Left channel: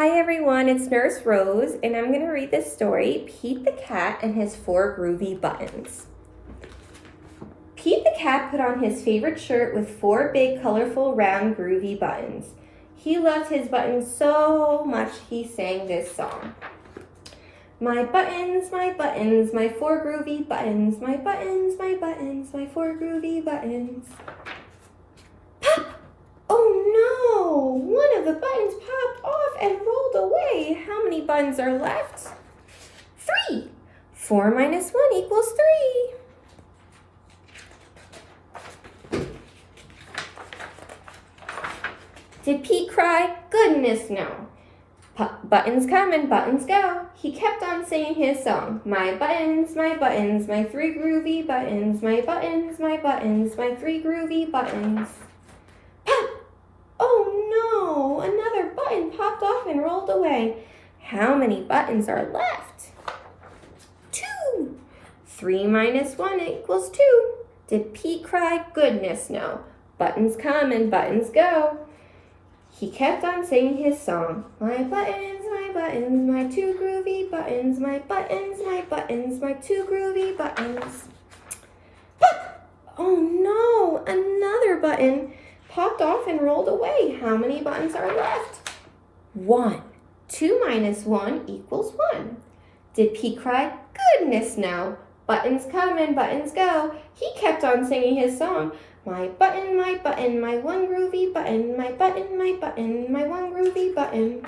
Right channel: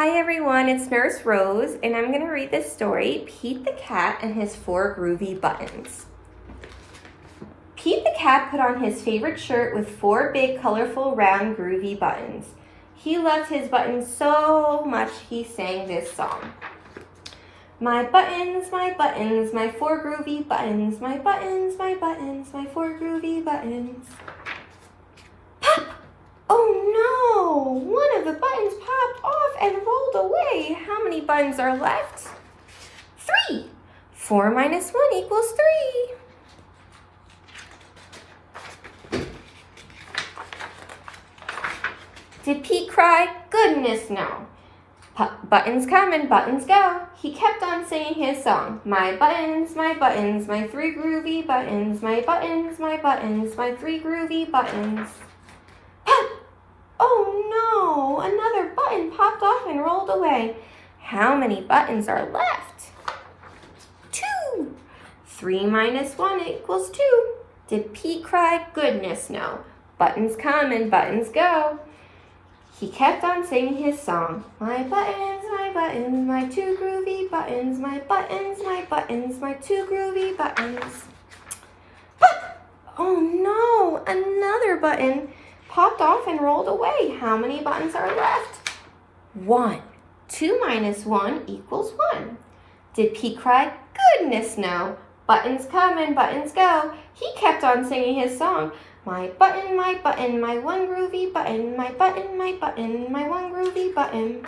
Hi everyone, it's Nurse Rose, and I'm going to read this story, Pete the Cat and His 4 Groovy Buttons. Pete the Cat put on his favorite shirt with 4 big, colorful, round, groovy buttons. He loved his buttons so much he sang this song. My 4 groovy buttons, my 4 groovy buttons. Pop! Oh no! One of the buttons popped off and rolled away. How many buttons are left? 3. 4 minus 1 equals 3. Did Pete cry? Goodness no. Buttons come and buttons go. He kept on singing his song. My 3 groovy buttons, my 3 groovy buttons. Pop! Oh no! Another button popped off and rolled away. How many buttons are left? 2. 3 minus 1 equals 2. Did Pete cry? Goodness no. Buttons come and buttons go. He kept on singing his song. My 2 groovy buttons, my 2 groovy buttons. Pop! Oh no! Another button popped off and rolled away. How many buttons are left? 1. 2 minus 1 equals 1. Did Pete cry? Goodness no. Buttons come and buttons go. He kept on singing his song. My 1 groovy button, my 1 groovy button.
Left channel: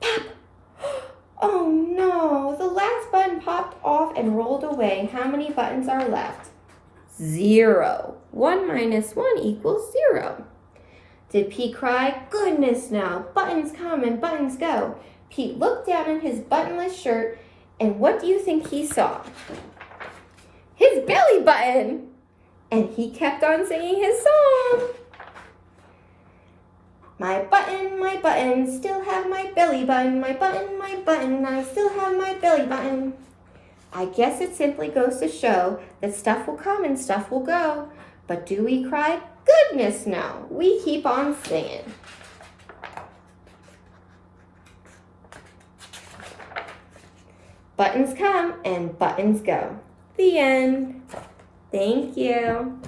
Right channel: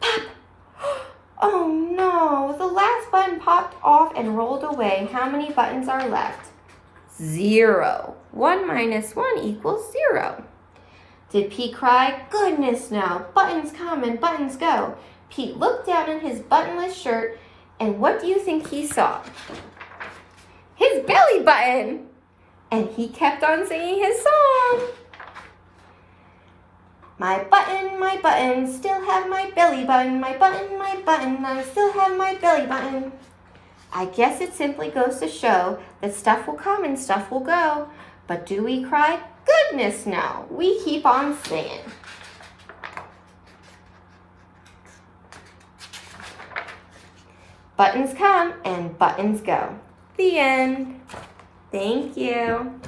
Pop! Oh no, the last button popped off and rolled away. How many buttons are left? 0. 1 minus 1 equals 0. Did Pete cry? Goodness no. Buttons come and buttons go. Pete looked down in his buttonless shirt, and what do you think he saw? His belly button! And he kept on singing his song. My button, still have my belly button. My button, I still have my belly button. I guess it simply goes to show that stuff will come and stuff will go. But do we cry? Goodness no. We keep on singing. Buttons come and buttons go. The end. Thank you.